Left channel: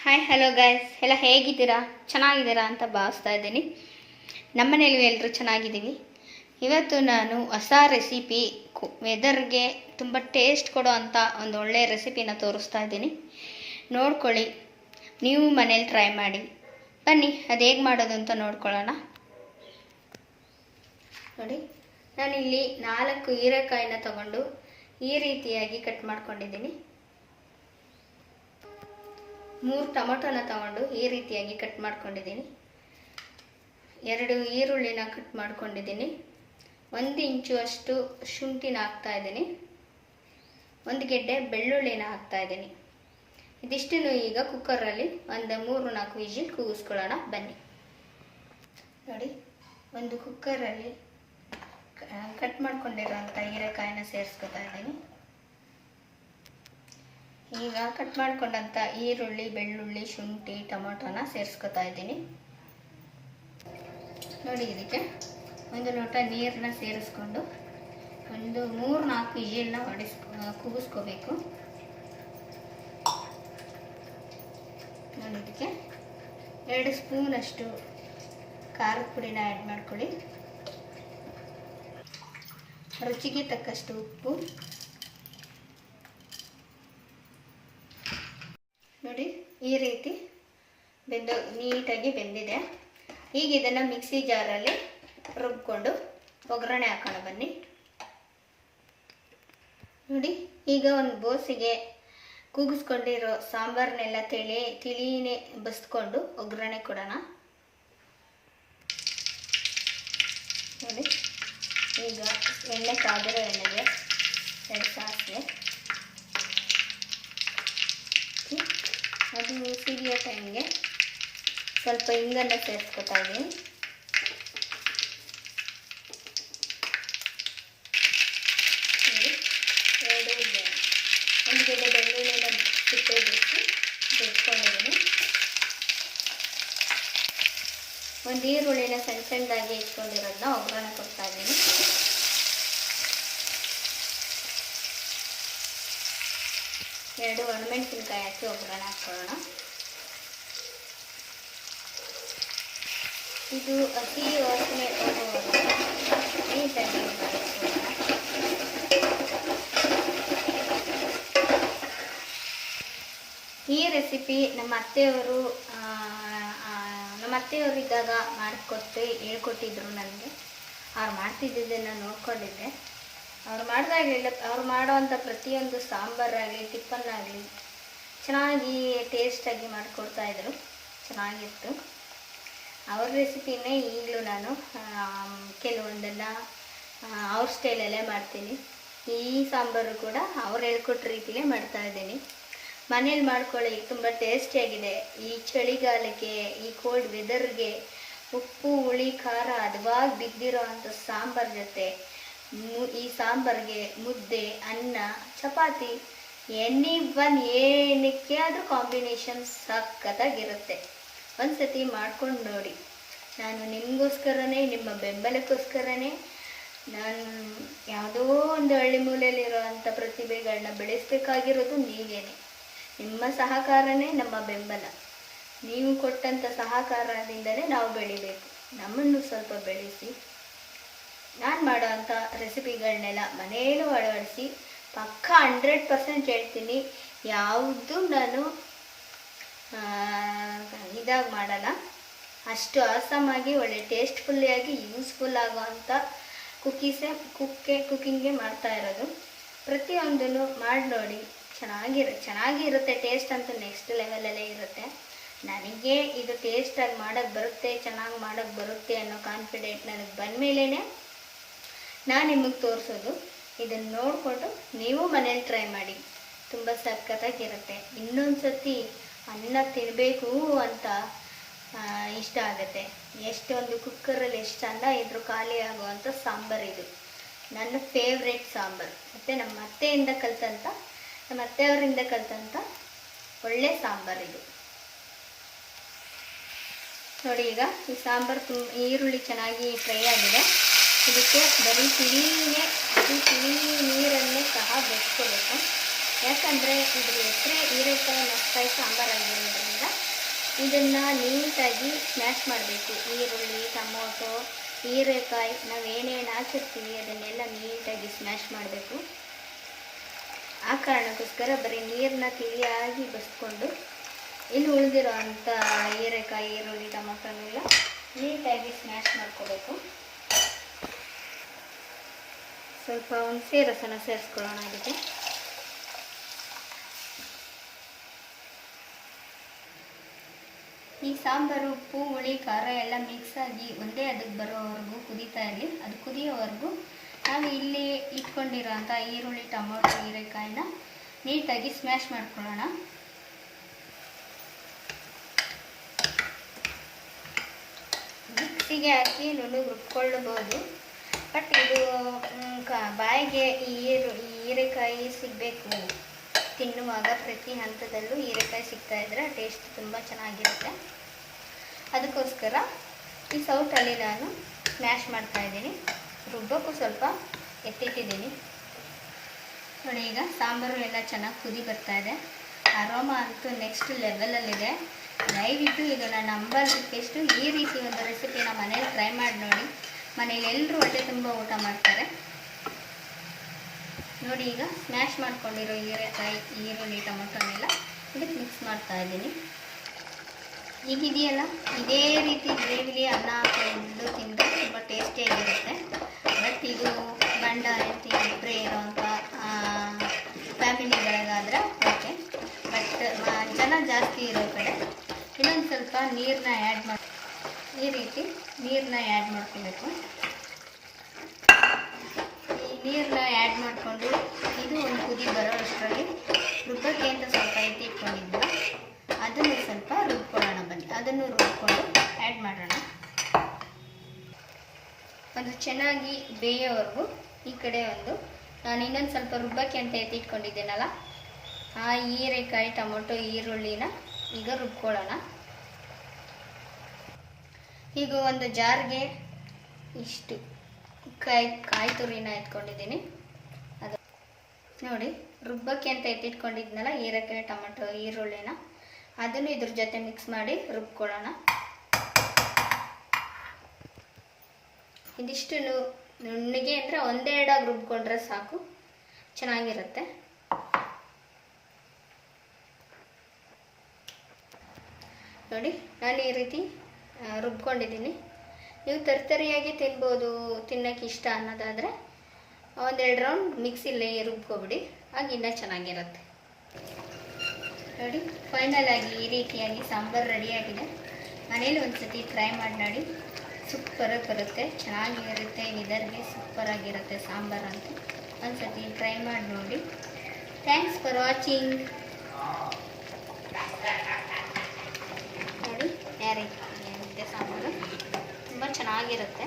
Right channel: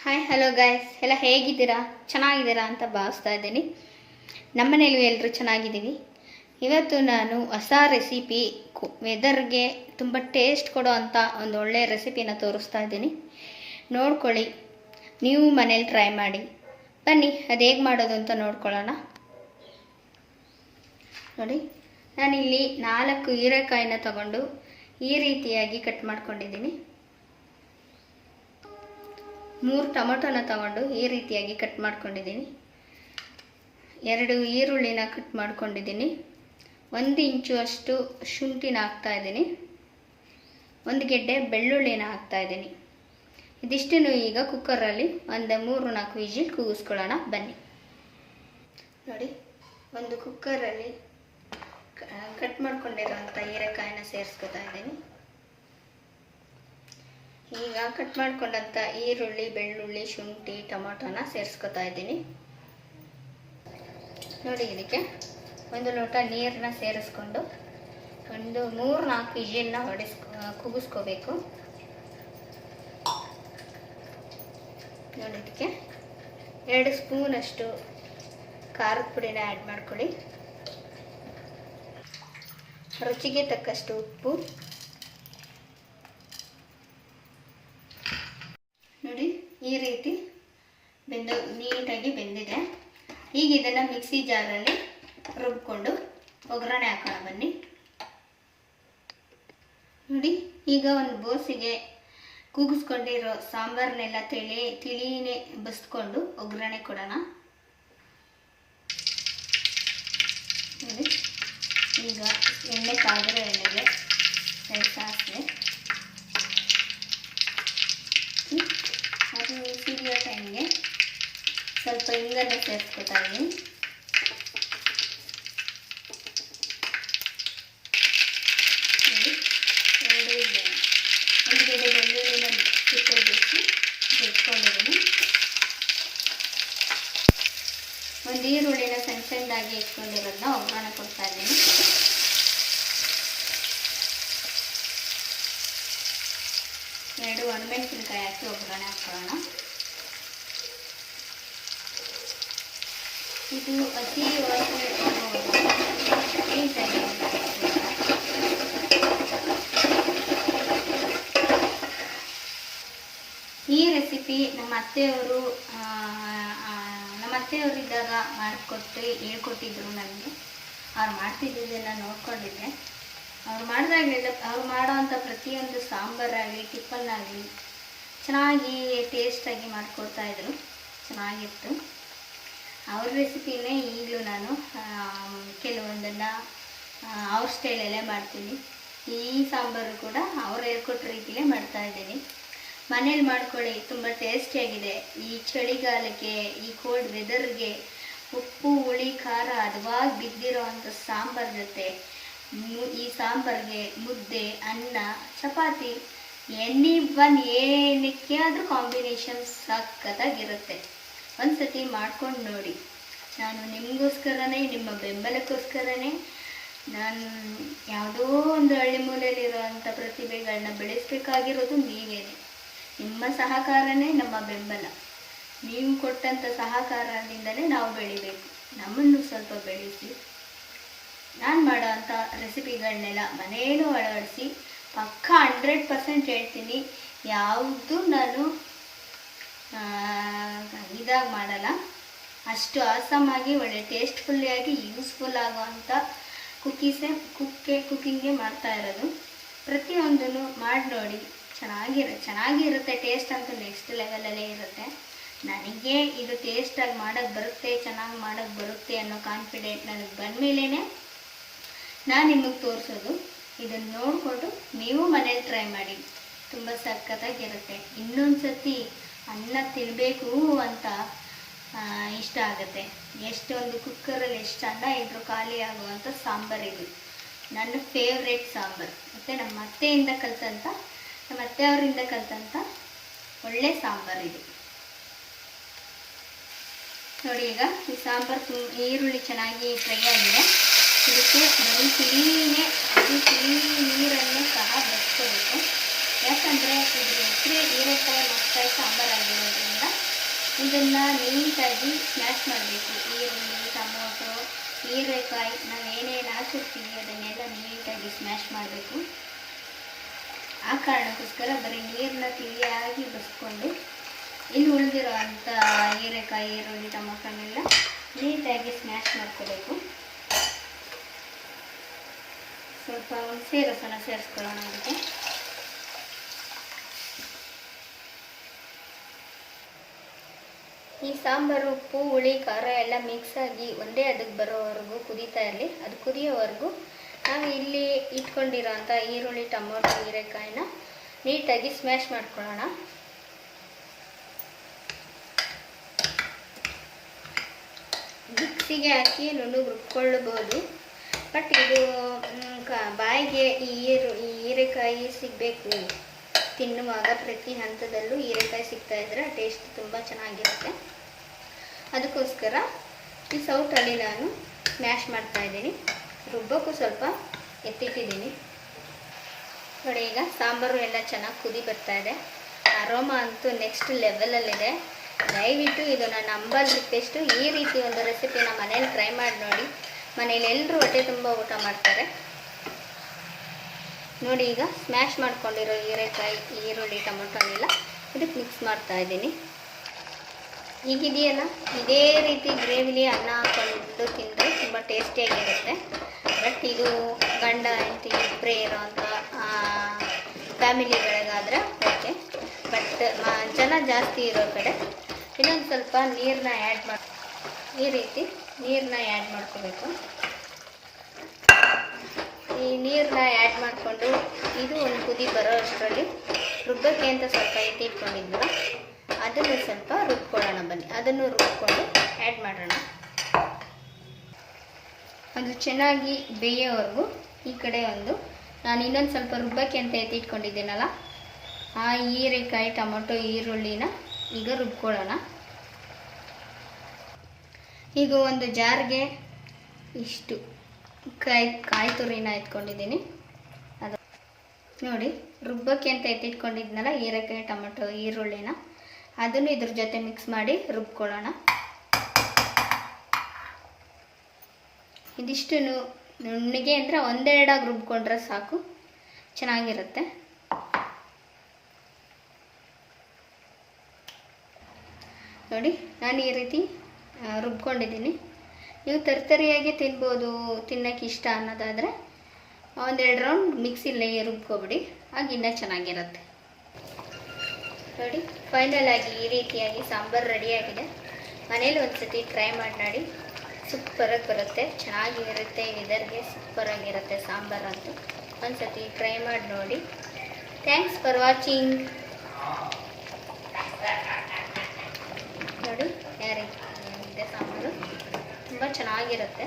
Hi hello guys ಎಲ್ಲ ಹೇಗಿದ್ದೀರಾ? ಚೆನ್ನಾಗಿದ್ದೀರಾ ಅಂತ ಭಾವಿಸ್ತಾ ಇದ್ದೀನಿ. ನಮ್ಮನೇಲಿ ಎಲ್ಲರೂ ಚೆನ್ನಾಗಿದ್ದೀವಿ. ಇವತ್ತು ನಾನು ಹೊಸ ರೆಸಿಪಿ ವೆದರ್ಗೆ ತುಂಬ ಟೇಸ್ಟ್ ಕೊಡೋ ಅಂಥ ಒಂದು ಒಳ್ಳೆಯ ರೆಸಿಪಿನ ತೋರಿಸ್ತಾ ಇದ್ದೀನಿ. ನೋಡ್ಕೊಳ್ಳಿ. ನೀವು ಮನೇಲಿ ಟ್ರೈ ಮಾಡಿ. ಬನ್ನಿ, ಅದು ಹೇಗೆ ಮಾಡೋದು ಅಂತ ನೋಡ್ಕೊಳ್ಳೋಣ. ನೋಡಿ, ನಾನಿಲ್ಲಿ ನಾಲ್ಕು ಹೀರೆಕಾಯಿನ ತಗೊಂಡು ಈ ರೀತಿಯಾಗಿ ಕಟ್ ಮಾಡ್ಕೊಂಡಿದ್ದೀನಿ. ಮೂರು ಟೊಮೊಟೊನ ತಗೊಂಡು ಈ ರೀತಿಯಾಗಿ ಕಟ್ ಮಾಡ್ಕೊಂಡಿದ್ದೀನಿ. ಎರಡು ಈರುಳ್ಳಿನ ಕಟ್ ಮಾಡ್ಕೊಂಡಿದ್ದೀನಿ. ಒಂದು ಇಂಚು ಅಷ್ಟು ಶುಂಠಿನ ಹಾಕ್ತಾ ಇದ್ದೀನಿ. ಒಂದು ಗೆಡ್ಡೆ ಬೆಳ್ಳುಳ್ಳಿನ ಹಾಕ್ತಾ ಇದ್ದೀನಿ. ಇದಿಷ್ಟನ್ನು ಈಗ ಕುಕ್ಕರಲ್ಲಿ ಒಂದು ಮೂರು ನಾಲ್ಕು ವಿಜಿಲ್ ಕೂಗಿಸ್ಕೊಳ್ಳೋಣ. ಬನ್ನಿ. ನೋಡಿ, ಒಂದು ಕುಕ್ಕರಲ್ಲಿ ಕಟ್ ಮಾಡ್ಕೊಂಡಿರೋಂಥ ಹೀರೆಕಾಯಿನ ಸೇರಿಸ್ಕೊತಾ ಇದ್ದೀನಿ. ಈಗ ಕಟ್ ಮಾಡ್ಕೊಂಡಂಥ ಈರುಳ್ಳಿ, ಬೆಳ್ಳುಳ್ಳಿ, ಶುಂಠಿ, ಟೊಮೊಟೊನ ಸೇರಿಸ್ಕೊತಾ ಇದ್ದೀನಿ. ನೋಡಿ ಇದಕ್ಕೆ ಒಂದು ಲೋಟ ನೀರನ್ನ ಸೇರಿಸ್ಕೊಂಡು ಒಂದು ಮೂರು ನಾಲ್ಕು ಇಜಿಲನ್ನ ಹೊಡಿಸ್ ಕುಗಿಸ್ಕೋಬೇಕು ನೋಡಿ ಇದಕ್ಕೆ ಎರಡು ಸ್ಪೂನಷ್ಟು ಖಾರದ ಪುಡಿನ ಆ್ಯಡ್ ಮಾಡ್ಕೊಳ್ಳಿ. ರುಚಿಗೆ ತಕ್ಕಷ್ಟು ಉಪ್ಪು ನೋಡಿ ಈ ರೀತಿ ಬೆಂದ ನೀಟಾಗಿ ಬೆಂದಿದೆ. ಈಗ ಇದನ್ನು ಮಿಕ್ಸಿ ಜಾರಲ್ಲಿ ರುಬ್ಕೊಂಡು ಒಗ್ಗರಣೆ ಹಾಕೋಣ ಬನ್ನಿ. ನೋಡಿ, ಈಗ ಒಂದು ಬೋಸಿಗೆ ಕೂಗಿಸ್ಕೊಂಡಿರೋ ಸಾಂಬಾರನ್ನೆಲ್ಲ ತಿಳಿ, ತಿಳಿನೇ ಬಸ್ಕೊಂಡು ಒಗ್ಗರಣೆ ಕೊಡೋಣ. ನೋಡಿ, ಈಗ ಎಣ್ಣೆ ಕಾದಿರೋ ಎಣ್ಣೆಗೆ ಸಾಸಿವೆ ಅದು ಸಿಡಿಯೋ ಟೈಮ್ಗೆ ಸ್ವಲ್ಪ ಹಿಂಗನ್ನು ಸೇರಿಸ್ಕೊತಾ ಇದ್ದೀನಿ ನೋಡಿ, ಎರಡು ಬೆ- ಒಂದು ಗೆಡ್ಡೆ ಬೆಳ್ಳುಳ್ಳಿನ ಸಿಪ್ಪೆ ಬಿಟ್ಟು ಬೆಟ್ಕೊಂಡಿದ್ದೀನಿ ಒಂದು ಈರುಳ್ಳಿನ ಸಣ್ಣ ಸಣ್ಣದಾಗಿ ಇಟ್ಕೊಂಡಿರೋದನ್ನ ಒಗ್ಗರಣೆ ಕೊಡ್ತಾ ಇದ್ದೀನಿ ಎರಡು ಒಣಮೆಣಸಿನ್ಕಾಯಿ ಹಾಕಿ ಒಗ್ಗರಣೆ ಹಾಕೋಣ. ಇದು ಅತಿ ನೀಟಾಗಿ ಈ ರೆಸಿಪಿ ನಮ್ಮ ಅತ್ತೆಯವರು ನಮ್ಮ ಅತ್ತೆಯವರು ಇದ್ದಾಗ ಮಾಡಿಕೊಟ್ಟು ಹೇಳ್ಕೊಟ್ಟಿದ್ರು ನನಗೆ. ಅವ್ರು ಮಾಡ್ತಿದ್ದಿದ್ದನ್ನು ನೋಡ್ಕೊಂಡಿದ್ದೆ. ಅವ್ರು ಮಾಡಿದಾಗಲಿಲ್ಲ ಅವ್ರು ಮಾಡೋವಂಥ ಪ್ರತಿಯೊಂದು ಸಾಂಬಾರಾಗಲಿ ಟಿಫನ್ನಾಗಲಿ ಚೆನ್ನಾಗಿ ಟೇಸ್ಟಾಗಿ ಮಾಡಿಕೊಡ್ತಾ ಇದ್ರು ಚೆನ್ನಾಗಿತ್ತು. ಅವ್ರ ರೆಸಿಪಿನೇ ಈಗಲೂ ನಾನು ಕೆಲವೊಂದನ್ನು ಅವ್ರ ಸ್ಟೈಲಲ್ಲೇ ಮಾಡ್ತೀನಿ. ಈ ಸಾಂಬಾರು ಕೂಡ ಅವ್ರು ಹೇಳ್ಕೊಟ್ಟ ರೀತಿಯೇ ಮಾಡ್ತಾಯಿದ್ದೀನಿ. ಮನೇಲಿ ಮಾಡ್ಕೊಳ್ಳಿ, ತುಂಬ ಟೇಸ್ಟಿಯಾಗಿದೆ ಈ ಚಳಿಗಾಲಕ್ಕೆ, ಈ ಕೋಲ್ಡ್ ವೆದರ್ಗೆ ಉಪ್ಪು, ಹುಳಿ, ಖಾರ, ಹದವಾಗಿ ಬಿದ್ದಿರೋ ಅಂಥ ಸಾಂಬಾರ್ ಜೊತೆ ಈ ಸಾಂಬಾರ್ಗೆ ಮುದ್ದೆ, ಅನ್ನ, ಚಪಾತಿ ಎನಿ ಒನ್ ಏನಕ್ಕೆ ಆದರೂ ಕಾಂಬಿನೇಷನ್ ಸಖತ್ತಾಗಿರುತ್ತೆ. ಒಂದ್ಸತಿ ಮಾಡ್ಕೊಂಡು ನೋಡಿ. ನಾನು ನಿಮಗೋಸ್ಕರನೇ, ನಿಮ್ಮ ಬೆಂಬಲಕ್ಕೋಸ್ಕರನೇ ನಾನು ಯಾವುದೋ ಒಂದು ಹಳ್ಳಿ ಮೂಲೆಯಲ್ಲಿರುವಂಥ ಪ್ರತಿಭೆಗಳನ್ನ ಬೆಳೆಸಬೇಕಾಗಿರೋದು ನೀವೇನೆ. ನಿಮ್ಮ ಸಹಕಾರನೇ ನಮ್ಮ ಬೆಂಬಲ. ನೀವು ಕೊಟ್ಟಂಥ ಸಹಕಾರದಿಂದಲೇ ನಾವು ಬೆಳಿಬೇಕು. ನಮ್ಮನ್ನು ಸ್ವಲ್ಪ ಬೆಳೆಸಿ. ನಾನು ಮಾಡೋವಂಥ ರೆಸಿಪಿಗಳನ್ನೆಲ್ಲ ಮನೆಯಲ್ಲೂ ಅಳವಡಿಸಿ ಪಕ್ಕ ಹಂಡ್ರೆಡ್ ಪರ್ಸೆಂಟ್ ಹೇಳ್ತೀನಿ. ಯಾವುದು ನಾನು ಇದಾಗಿ ಮಾಡಲ್ಲ. ಅಷ್ಟು ಆಸಮಾಗಿ, ಒಳ್ಳೆ ಟೇಸ್ಟ್ಫುಲ್ಲಿಯಾಗಿ, ಯೂಸ್ಫುಲ್ ಆಗೋವಂಥ ಕುಕ್ಕೀಸೇ ಕುಕ್ಕೆ ಕುಕ್ಕಿಂಗೇ ಮಾಡ್ತಾ ಇರೋದು. ಪ್ರತಿಯೊಂದನ್ನು ಮಾಡಿ ನೋಡಿ. ಚೆನ್ನಾಗಿರ ಚೆನ್ನಾಗಿರುತ್ತೆ ಟೇಸ್ಟ್ ಅಂತೂ ನೆಕ್ಸ್ಟ್ ಲೆವೆಲಲ್ಲೇ ಇರುತ್ತೆ. ನನಗೆ ಇದು ಟೇಸ್ಟಾಗಿ ಮಾಡೋಕ್ಕೆ ಬರುತ್ತೆ, ಚೆನ್ನಾಗಿ ಮಾಡೋಕ್ಕೆ ಬರುತ್ತೆ ಅನ್ನೋ ಕಾನ್ಫಿಡೆಂಟ್ ನನಗೆ ಬಂದಮೇಲೇ ನಾನು ನಿಮಗೆ ತೋರಿಸೋದು. ಇದನ್ನು ನೋಡಿಕೊಂಡು ನೀವು ಮನೇಲಿ ಟ್ರೈ ಮಾಡಿ. ತುಂಬ ಸಖತ್ತಾಗಿರುತ್ತೆ. ಇನ್ನೊಂದು ಸತಿ ಅನ್ನ ತಿನ್ನಬೇಕು ಅಂತ ಇಷ್ಟ ಆಗುತ್ತೆ. ಎಷ್ಟೊಂದು ಕುಕ್ಕರಲ್ಲಿ ಎಷ್ಟು ಅನ್ನ ಇದ್ರೂ ಖಾಲಿ ಆಗುವಂಥ ಸಾಂಬಾರು ಇದು. ನನ್ನ ಫೇವ್ರೇಟ್ ಸಾಂಬಾರು. ಮತ್ತು ನಮ್ಮ ಅತ್ತೆಯಿಂದ ಕಲ್ತಂಥ ನಮ್ಮ ಅತ್ತೆಯವರಿಂದ ಕಲ್ತಂಥ ಒಳ್ಳೆ ಸಾಂಬಾರು ಇದು. ನೋಡಿ ಈಗ ಈ ಸಾಂಬಾರು ಈರುಳ್ಳಿ ಚೆನ್ನಾಗಿ ಫ್ರೈ ಆಗಿದೆ. ಇದಕ್ಕೆ ಬರೀ ತಿಳಿನೇ ಅದು ತಿಳಿ ನೀರನ್ನೇ ಸಹ ಬೆಳೆಸ್ಕೋಬೇಕು ಯಾಕಂದರೆ ಇದು ಹೆಸರೇ ಹೀರೆಕಾಯಿ, ಮೆಣಸಿನಕಾಯಿ ಸಾಂಬಾರಾಗಿರೋದ್ರಿಂದ ಇದನ್ನು ನೀಟಾಗಿ ಸ್ಮ್ಯಾಶ್ ಮಾಡಬೇಕು. ಈರುಳ್ಳಿ, ಟೊಮೊಟೊ, ಹೀರೆಕಾಯಿ, ನಾವು ಏನೇನು ಹಾಕಿರ್ತೀವಿ ಅದನ್ನೆಲ್ಲ ನೀಟಾಗಿ ಸ್ಮ್ಯಾಶ್ ಮಾಡಬೇಕು. ಆ ಕಾರಣಕ್ಕೋಸ್ಕರ ಬರೀ ನೀರನ್ನ ತಿಳಿಯಾಗಿ ಬಸ್ಕೊಂಡು ಇಲ್ಲಿ ಉಳಿದಿರೋ ಅಂಥ ಹೀರೆಕಾಯಿ, ಈರುಳ್ಳಿ, ಟೊಮೊಟೊನೆಲ್ಲ ನೀಟಾಗಿ ಸ್ಮ್ಯಾಶ್ ಮಾಡ್ಕೋಬೇಕು. ಸ್ವಲ್ಪ ಹುಣಸೆ ರಸನ ಸೇರಿಸ್ಕೊಳ್ಳೋಣ ಇದಕ್ಕೆ ಈ ಸಾಂಬಾರು, ಉಪ್ಪು, ಹುಳಿ, ಖಾರ ಎಲ್ಲ ಮಿಕ್ಸ್ ಆಗಿ ಒಂದೇ ಅದಕ್ಕೆ ಬರೋವರೆಗೂ ಕುದೀತಾ ಇರಲಿ. ಅದು ಕುದಿಯೋವರೆಗೂ ನಾವು ಇಲ್ಲಿ ಇಟ್ಕೊಂಡಿರೋ ಅಂಥ ಈರುಳ್ಳಿ, ಟೊಮೊಟೊ, ಹೀರೆಕಾಯಿನ ನೀಟಾಗಿ ಸ್ಮ್ಯಾಶ್ ಮಾಡ್ಕೊಳ್ಳೋಣ. ಮಿಕ್ಸಿಗೆ ಹಾಕಿ ನುಣ್ಣಗೆ ರುಬ್ಕೊಳ್ಳಬಹುದು ಬಟ್ ಇದು ಬಾಯಿಗೆ ಈರು ಹೀರೆಕಾಯಿ ಸಿಗಬೇಕು. ತಿನ್ನುವಾಗ ಪ್ರತಿ ಹಂತದಲ್ಲೂ ಹೀರೆಕಾಯಿ ಸಿಗ್ತಾ ಇದ್ರೆ ಟೇಸ್ಟ್ ತುಂಬ ಚೆನ್ನಾಗಿರುತ್ತೆ. ಅದಕ್ಕೋಸ್ಕರ ಈ ಸೌಟಲ್ಲಿ ನಾನು ಸ್ಮ್ಯಾಶ್ ಮಾಡ್ತಾ ಇದ್ದೀನಿ. ರುಬ್ಬಕ್ಕೂ ಸ್ವಲ್ಪ ಎತ್ತಿಟ್ಟಿದ್ದೀನಿ. ನೋಡಿ, ಈಗ ಸಾಂಬಾರು ಎಲ್ಲ ಚೆನ್ನಾಗಿ ಕುದಿ ಬರ್ತಾ ಇದೆ. ಅರೋಮ ಅಂತೂ ನೆಕ್ಸ್ಟ್ ಲೆವೆಲಲ್ಲಿದೆ ದಯವಿಟ್ಟು ಇದನ್ನು ನಂಬಲಿದ್ದೆಷ್ಟು ಈ ರೀತಿ ಒಂದು ರೆಸಿಪಿನ ಮನೇಲಿ ಟ್ರೈ ಮಾಡಿ ನೋಡಿ. ಮನೇಲಿ ಎಲ್ಲರೂ ಹೊಟ್ಟೆ ತುಂಬ ಊಟ ಮಾಡ್ತಾರೆ. ನೋಡಿ ಈಗ ಸ್ಮ್ಯಾಶ್ ಮಾಡ್ಕೊಂಡಿರೋ ಹೀರೆಕಾಯಿ, ಈರುಳ್ಳಿ ಟೊಮೊಟೊನೆಲ್ಲ ಇದಕ್ಕೆ ಮಿಕ್ಸ್ ಮಾಡ್ತಾ ಇದ್ದೀನಿ. ಈಗಿದೆಯಲ್ಲ ಇದೇ ರೀತಿ ಗ್ರೇವಿಲಿ ಅನ್ನ ಹಾಕೊಂಡು ತಿಂದರೆ ತುಂಬ ಟೇಸ್ಟಿಯಾಗಿರುತ್ತೆ ಬಟ್ ಇದು ಗಂಡ, ಹೆಂಡತಿ ಇಬ್ಬರೇ ಇರೋವಂಥ ಫ್ಯಾಮಿಲಿಗಳಿಗಾದ್ರೆ ಓಕೆ ಬಟ್ ಜನ ಜಾಸ್ತಿ ಇರೋ ಕಡೆ ಇನ್ನೊಂದು ಸ್ವಲ್ಪ ನೀರನ್ನ ಆ್ಯಡ್ ಮಾಡಿ ಈ ರೀತಿ ನೀರನ್ನ ಆ್ಯಡ್ ಮಾಡ್ಕೋಬೇಕು. ಈ ನೀರನ್ನ ಆ್ಯಡ್ ಮಾಡಿಕೊಂಡು ಇದು ಒಂದು ಕುದಿ ಬರೋ ಅಷ್ಟರಲ್ಲಿ ರುಬ್ಬಕ್ಕೆ ಅಂತ ಸ್ವಲ್ಪ ಎತ್ತಿಟ್ಕೊಂಡಿದ್ವಿ ಅದನ್ನು ಸ್ವಲ್ಪ ರುಬ್ಕೊಳ್ಳೋಣ ಬನ್ನಿ. ಅದನ್ನು ರುಬ್ಕೊಂಡು ಆ್ಯಡ್ ಮಾಡೋಣ. ಅದು ಚೆನ್ನಾಗಿ ಬೇಯೋವರೆಗೂ ಈ ಕಡೆ ಒಂದು, ನಾನು ಇನ್ನೊಂದು ಸ್ವಲ್ಪ ರುಬ್ಬಕ್ಕೆ ಅಂತ ಎತ್ತಿಟ್ಕೊಂಡಿದ್ದೀನಲ್ಲ ಆ ಹೀರೆಕಾಯಿ, ಟೊಮೊಟೊ, ಈರುಳ್ಳಿನ ಈಗ ರುಬ್ಕೊಳ್ಳೋಣ. ಈಗ ಒಂದು ಜಾರ್ಗೆ ಇಷ್ಟು ಕಾಯಿ ಕಾಯಿ ತುರಿನ ಇಟ್ಕೊಂಡಿದ್ದೀನಿ. ಅದು ನೋಡಿ, ರುಬ್ಬಕ್ಕೆ ಅಂತ ಎತ್ತಿಟ್ಕೊಂಡಿದ್ನಲ್ಲ ಹೀರೆಕಾಯಿ, ಟೊಮೆಟೊ, ಈರುಳ್ಳಿನ. ಅದನ್ನು ಇದ್ರ ಜೊತೆ ಮಿಕ್ಸ್ ಮಾಡಿ ರುಬ್ಕೊಳ್ಳೋಣ. ಇದಿಷ್ಟು ನುಣ್ಣಗೆ ಅಂದರೆ ಒಂದೆರಡಾಗಿ ರುಬ್ಕೊಂಡ್ರೆ ಸಾಕು. ಚೆನ್ನಾಗಿರುತ್ತೆ. ನೋಡಿ, ನಾನು ಈ ರೀತಿ ರುಬ್ಕೊಂಡಿದ್ದೀನಿ. ನೀವು ತರ್ತರಿಯಾಗಿ ತಿನ್ಬೋದು ತಿನ್ನೋಕೆ ಇಷ್ಟ ಅನ್ನೋದಾದರೆ ಒಂದೆರಡು ರೌಂಡ್ ಮಿಕ್ಸಿಲೇ ರುಬ್ಕೊಬಿಡಿ. ಆಗ ಇನ್ನೂ ಚೆನ್ನಾಗಿರುತ್ತೆ. ನೋಡಿ ಫೈನಲ್ ಆಗಿ ಈ ರೀತಿಯಾಗಿ ಸಾಂಬಾರು ರೆಡಿಯಾಗಿದೆ ಮನೇಲಿ ಒಂದು ಸತಿ ಟ್ರೈ ಮಾಡಿ ನೋಡಿ. ಸೂಪರಾಗಿ ಬರುತ್ತೆ. ಚೆನ್ನಾಗಿರುತ್ತೆ. ಇದರಿಗೆ ಸೂಪರಾಗಿರುತ್ತೆ ಸಾಂಬಾರು ಅಂತ. ಒಂದು ಸತಿ ಟ್ರೈ ಮಾಡಿ ನೋಡಿ. ಥ್ಯಾಂಕ್ಸ್ ಫಾರ್ ವಾಚಿಂಗ್ ನೋಡಿ ಯಾರಿಗೆ ತುಂಬ ಚೆನ್ನಾಗಿರುತ್ತೆ.